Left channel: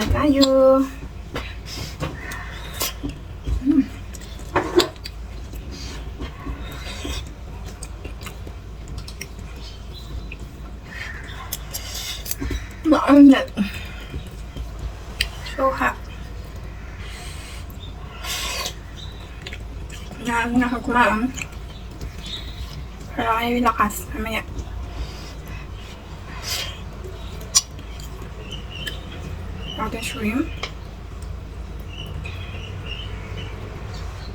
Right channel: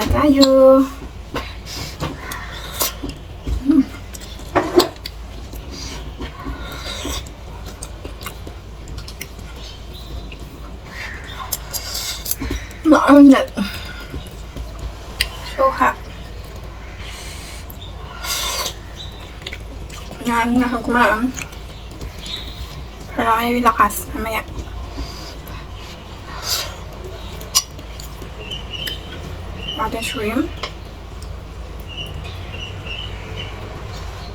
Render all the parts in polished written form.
na tayo. Maangat. So hot. Yan, nakakumaan. Para kayo lakas. Mamaya. Ating shrimp.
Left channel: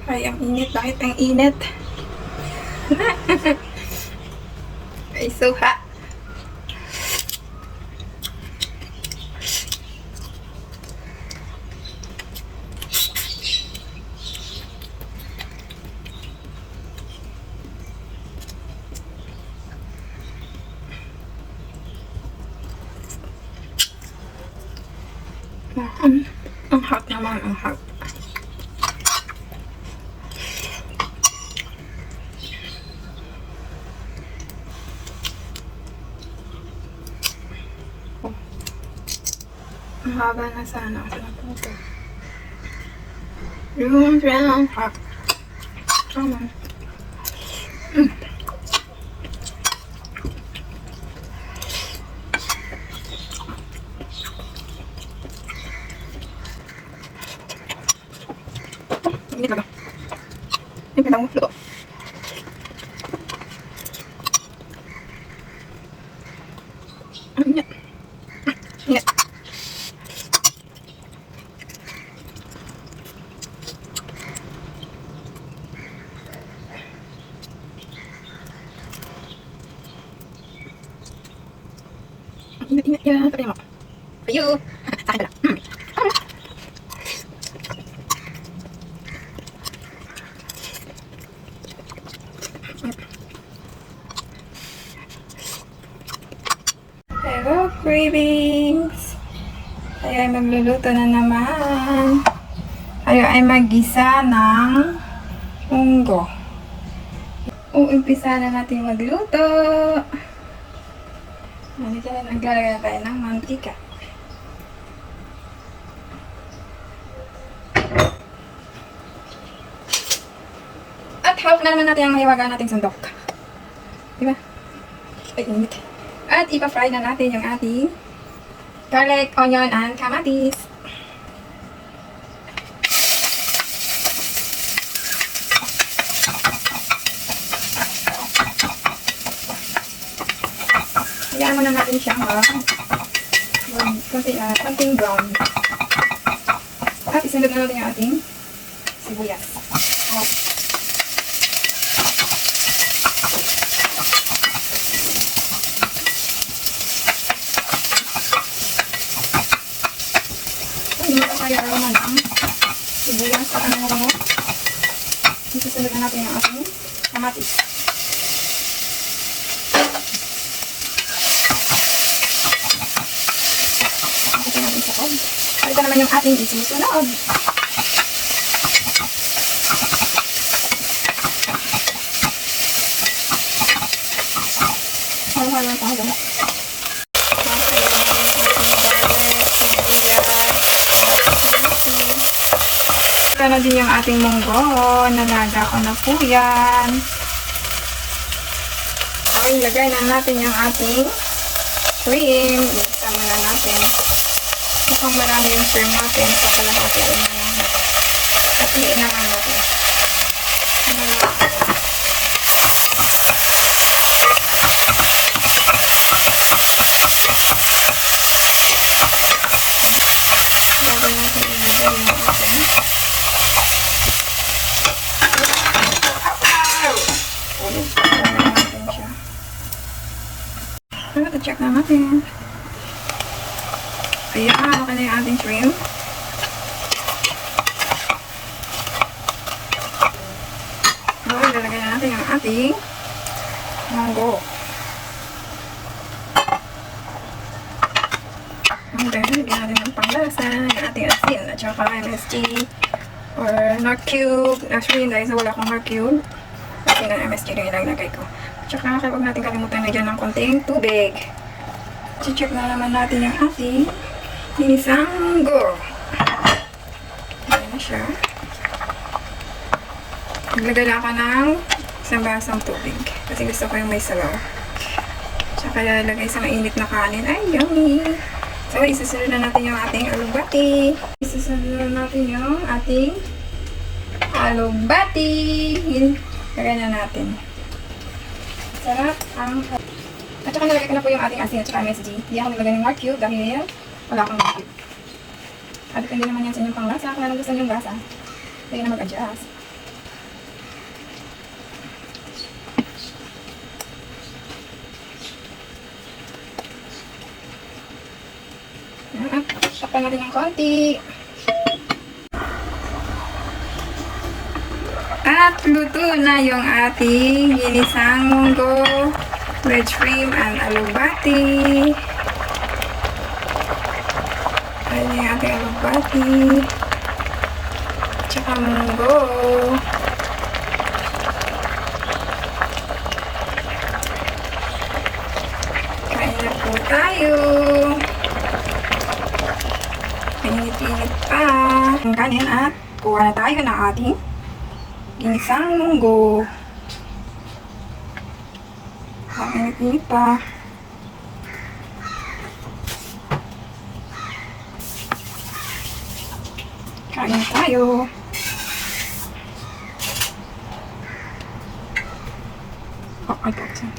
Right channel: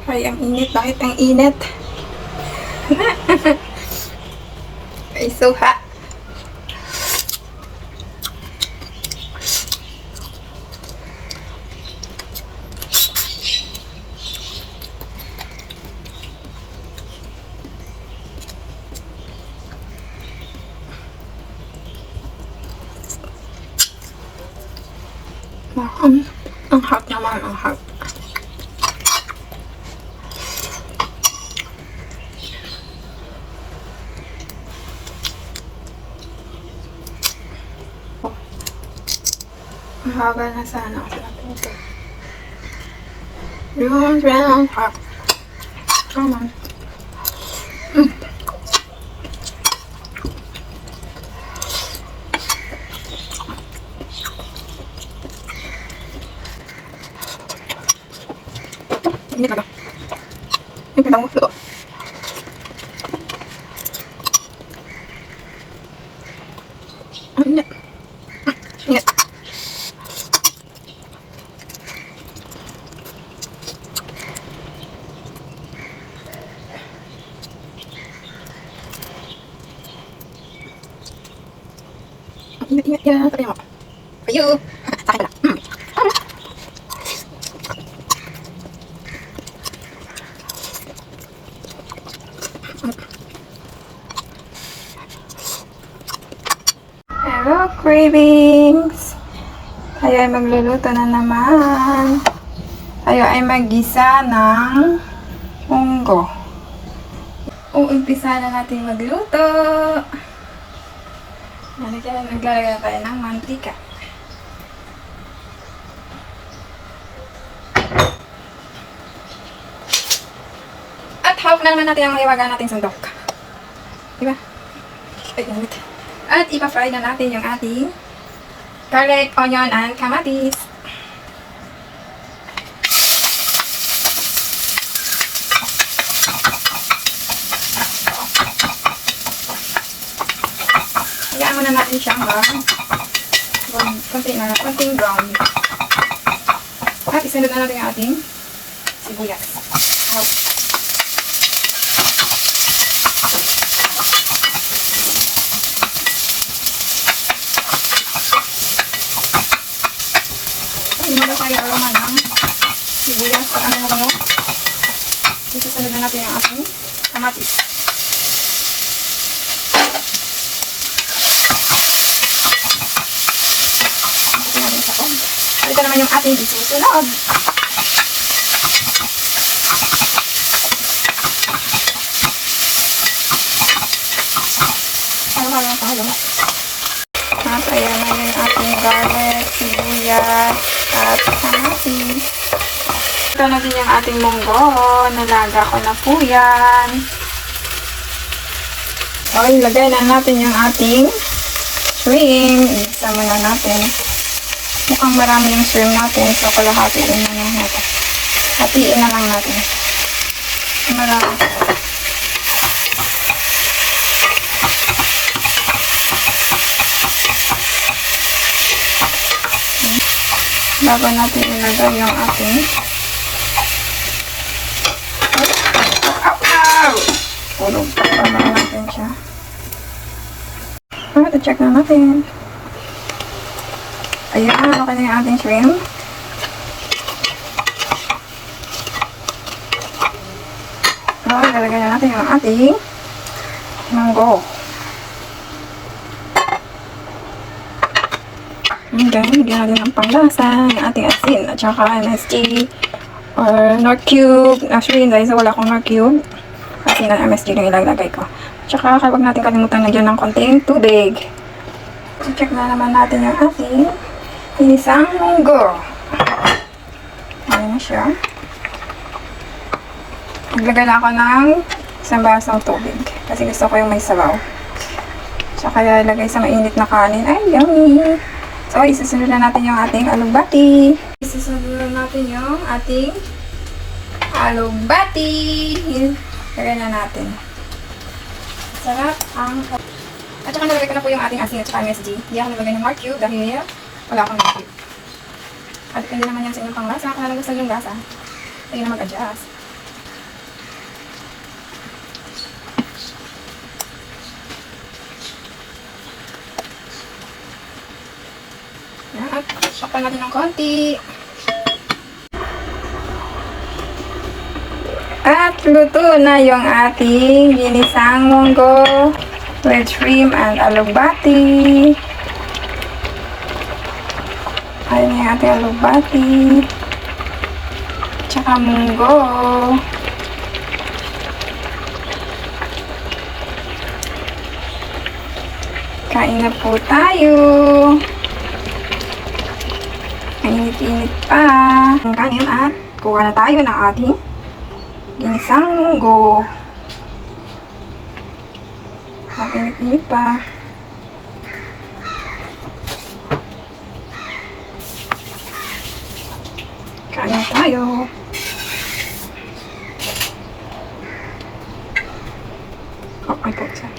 Ay, ang init. Bakit ang init? Ay, so hot. Ang hot naman, ang hot. Mahaba na sana kasi naputo. Yung ang hot. Tama. Ini ka ba? Ini ka mo luto. Ini. Ini. Ingat ya, sabi mo. Ayo. Sakit pala. Hello, cravings! Tayo ay magluluto na naman. Tayo ay mag-gisa ng munggo. Umpisa na natin magluto. Naglalagay na tayo ng mantika. At half na naman natin ang maliwagan nating sundok. Diba? Ay, init. At ipa-fry na natin yung ating garlic, onion, and kamatis. Hayaan muna natin siyang konting brown. At isunod na natin yung ating sibuyas. Kaya aroma ng sibuyas sa anong bango. Susunod na natin ang ating kamatis. Halika naman yung ating isusunod. Halo-halo na tayo. At ayan na yung ating garlic, sibuyas, at kamatis. Ito na din yung ating munggo. Nalaga ko na po yan. So, ilagay na natin yung ating shrimp. Igisa muna natin. Mukhang marami yung shrimp natin. So, kalahatiin na lang natin. Hatiin na lang natin. Marami. Bago natin ilagay yung ating tulog pa natin siya. I-check na natin. Ayan, okay na yung ating shrimp. Ilalagay na natin yung ating munggo. And then, lagyan natin ng panglasa, yung ating asin, at saka MSG or Knorr Cube. Actually, dahil sa wala akong Knorr Cube, asin na MSG yung ilalagay ko. At saka, huwag natin kalimutan lagyan ng konting tubig. I-check na naman natin yung ating Ginisang munggo. Ayan na siya. Maglagay na ako ng isang basong tubig. Kasi gusto ko yung may sabaw. Tsaka lalagay sa mainit na kanin. Ay, yummy! So, isusunod na natin yung ating alugbati. Isusunod na natin yung ating alugbati. Lagyan na natin. Sarap ang... At saka nalagay ko na po yung ating asin at saka MSG. Hindi ako nalagay ng marque dahil wala akong marque. At depende naman yan sa inyong panglasa. Kung ano gusto yung lasa, tayo na mag-adjust. Sakpan natin ng konti. At luto na yung ating ginisang munggo with shrimp and alugbati. Ayan yung ating alugbati. Tsaka munggo. Kain na po tayo. Mainit-init pa. Ang kanin at kuha na tayo ng ating ginisang munggo. Mainit-init pa. Kain na tayo. Oh, may putsa.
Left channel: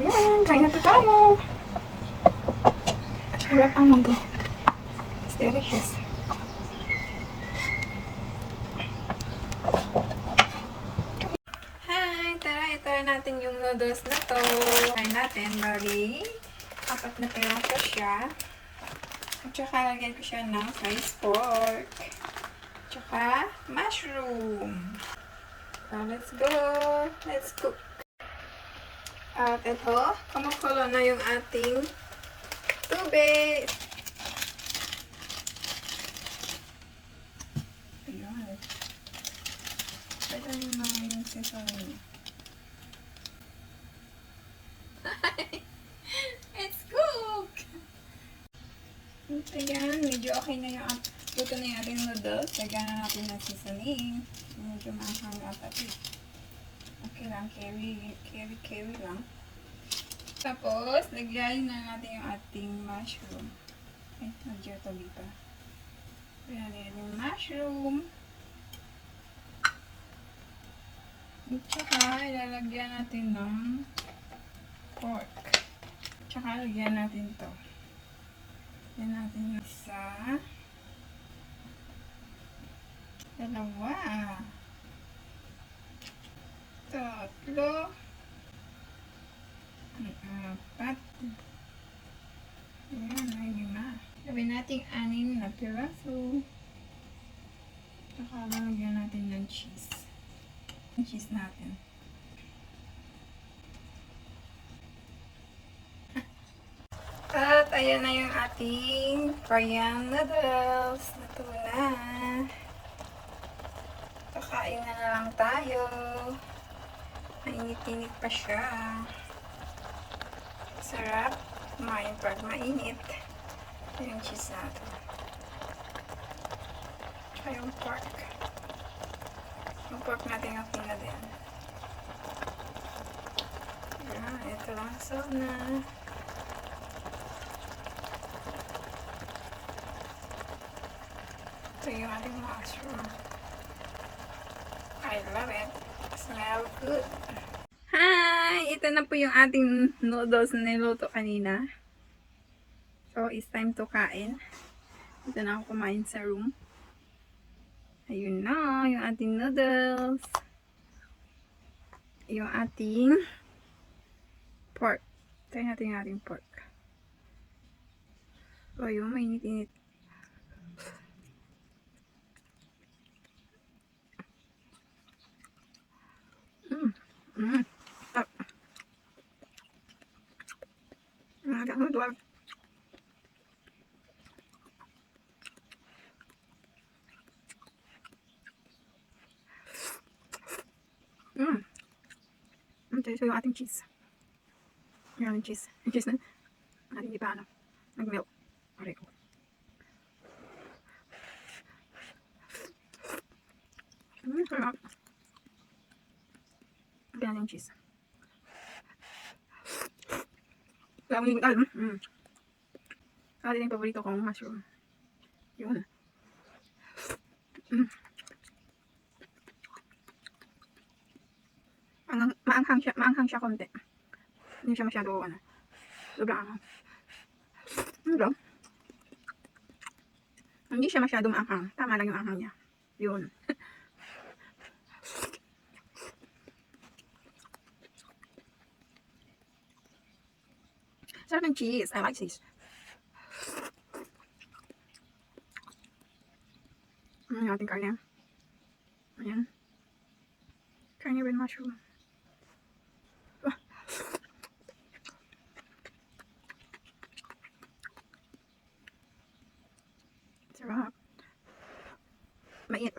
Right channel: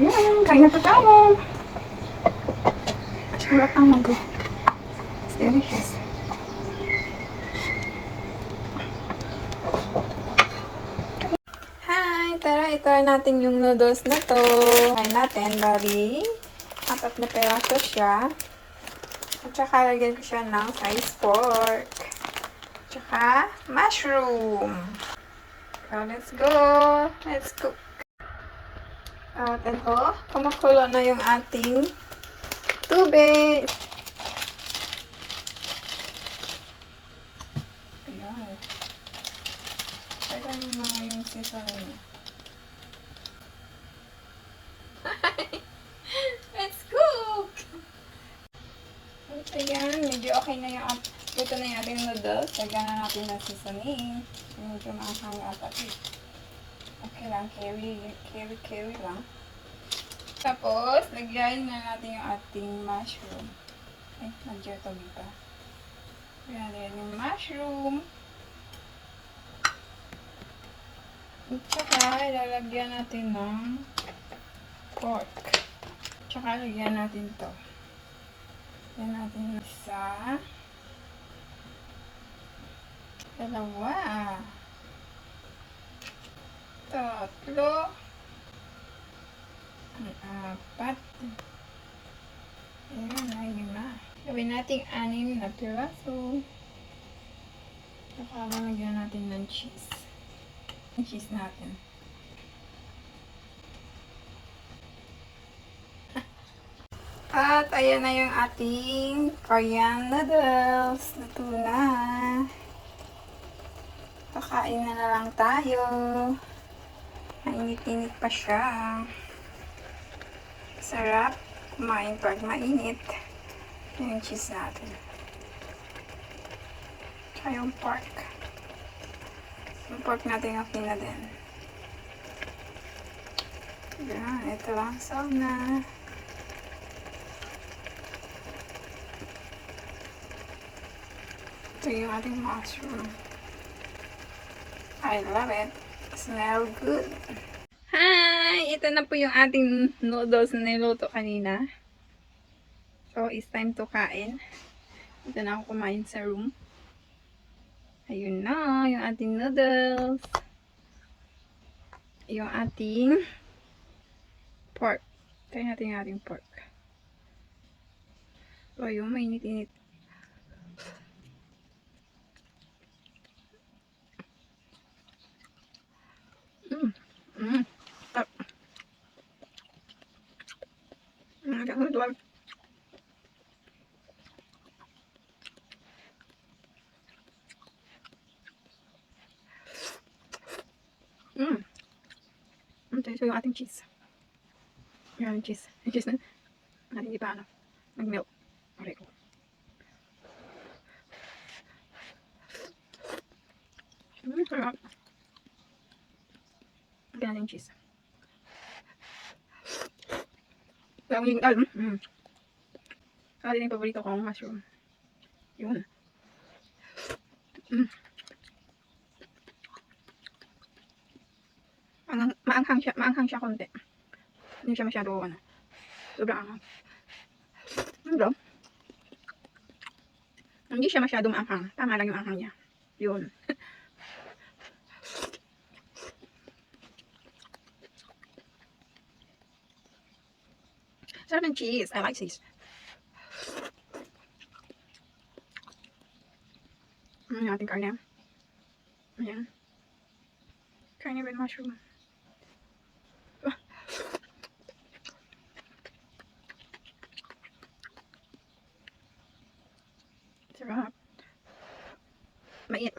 Ayan, kain na po tayo. Sarap ang munggo. It's delicious. Hi! Tara, itry natin yung noodles na to. Try natin, bali. Apat na peraso siya. At saka lagyan ko siya ng sliced pork. Tsaka mushroom. So, let's go! Let's cook! At ito, kumukulo na yung ating tubig. Ayan. Pwede naman yung sisawin. Let's cook! Ayan, medyo okay na yung luto na yung ating noodles. Lagyan na natin ng seasoning. Medyo maanghang na pati. Okay lang, carry lang. Tapos, lagyan na natin yung ating mushroom. Ay, medyo tabi pa. Lagyan yung mushroom. At saka, ilalagyan natin ng pork. Tsaka, lagyan natin to. Lagyan natin yung isa. Dalawa. Tatlo. Apat. Ayan na, yun na. Gawin natin 6 na piraso. Saka lalagyan natin ng cheese. Yung cheese natin. At ayan na yung ating Korean noodles. Luto na. Kakain na lang tayo. Mainit-init pa siya. Sarap. Kumain pag mainit. Yung cheese natin. Tsaka yung pork. Yung pork natin okay na din. Yan. Ito lang. So na. Ito yung ating mushroom. I love it. Smell good. Hi! Ito na po yung ating noodles na niluto kanina. So, it's time to kain. Ito na ako kumain sa room. Ayun na, yung ating noodles. Yung ating pork. Try natin yung ating pork. So, yung mainit-init. Agak noodle. So yung ating cheese. Yung ating cheese. Yung cheese na natin iba ano. Nag-melt. Okay ko. Sarap. Lagyan natin yung cheese. Lagyan natin Saka din yung paborito kong mushroom. Yun. Maanghang siya konti. Hindi siya masyado, sobrang anghang. Hindi siya masyado maanghang. Tama lang yung anghang niya. Yun. Sarap ng cheese. I like cheese. Yung ating karne. Ayan. Karne with mushroom. Sarap. Mait.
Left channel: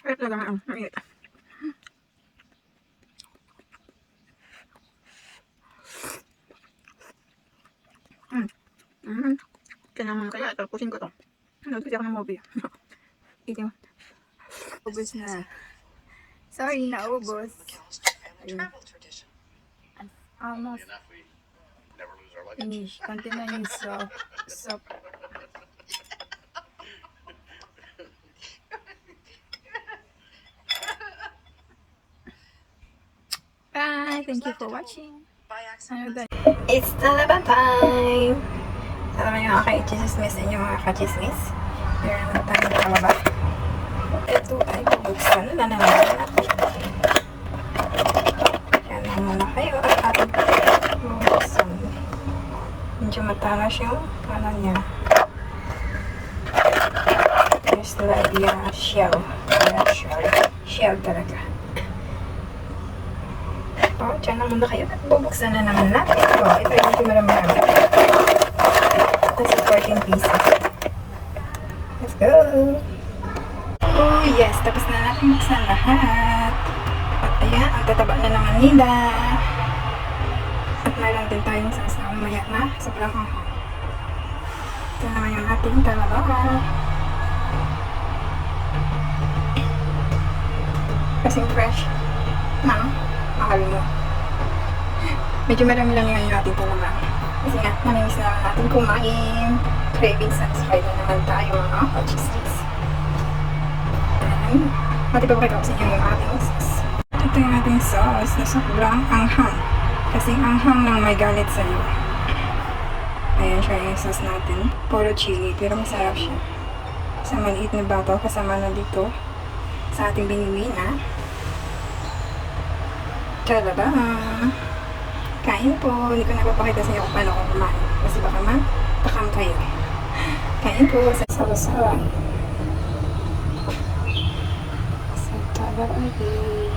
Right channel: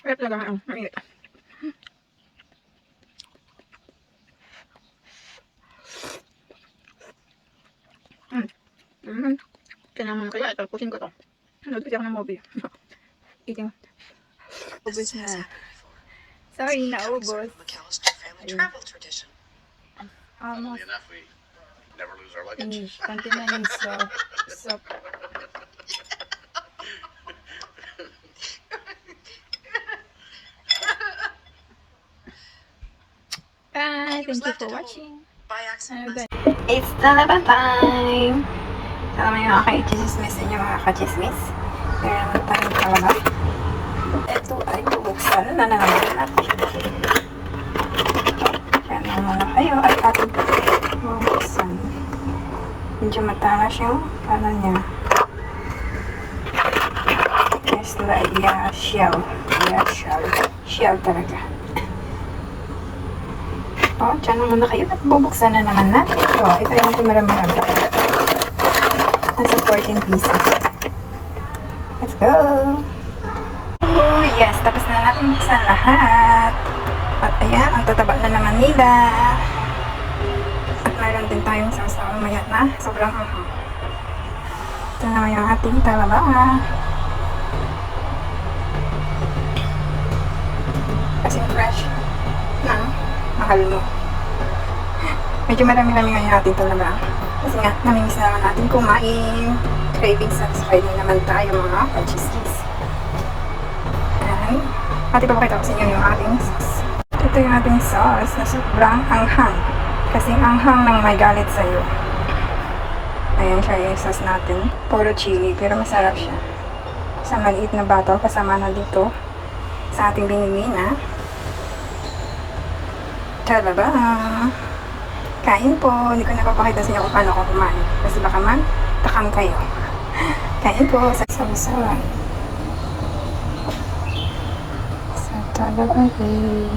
Sarap talaga ang mait. Kailangan kaya tapusin ko to. Nanood kasi ako ng movie. Eating. Ubus na. Sorry, naubos. Almost. Finish. Konti na yung soup. Bye. Thank you for watching. It's Talaban time. Salamat yung mga ka-chismis and yung mga ka-chismis. Meron naman tayong talaba. Ito ay bubuksan na naman natin. Yan na muna kayo at ating bubuksan. Medyo matalas yung ano niya. It's like shell. Shell talaga. Diyan na muna kayo at bubuksan na naman natin. Ito yung marami-marami. Nasa 14 pieces. Let's go! Oh yes, tapos na natin buksan lahat. At ayan, ang tataba na naman nila. At mayroon din tayong sasawang mayat na sobrang anghang. Ito naman yung ating talaba. Kasing fresh na mahal mo. Medyo marami-rami nga yung ating talaba. Kasi nga, namimiss na naman natin kumain. Craving satisfied na naman tayo mga ka-chismis. Ayan. At ipapakita ko sa inyo yung ating sauce. Ito yung ating sauce na sobrang anghang. Kasi anghang nang may galit sa'yo. Ayan siya yung sauce natin. Puro chili, pero masarap siya. Sa maliit na bottle, kasama na dito sa ating binili na talaba. Kain po. Hindi ko napapakita sa inyo kung paano ako kumain. Kasi baka man, takam kayo. Kain po sa sawasawan. Sa talaba din.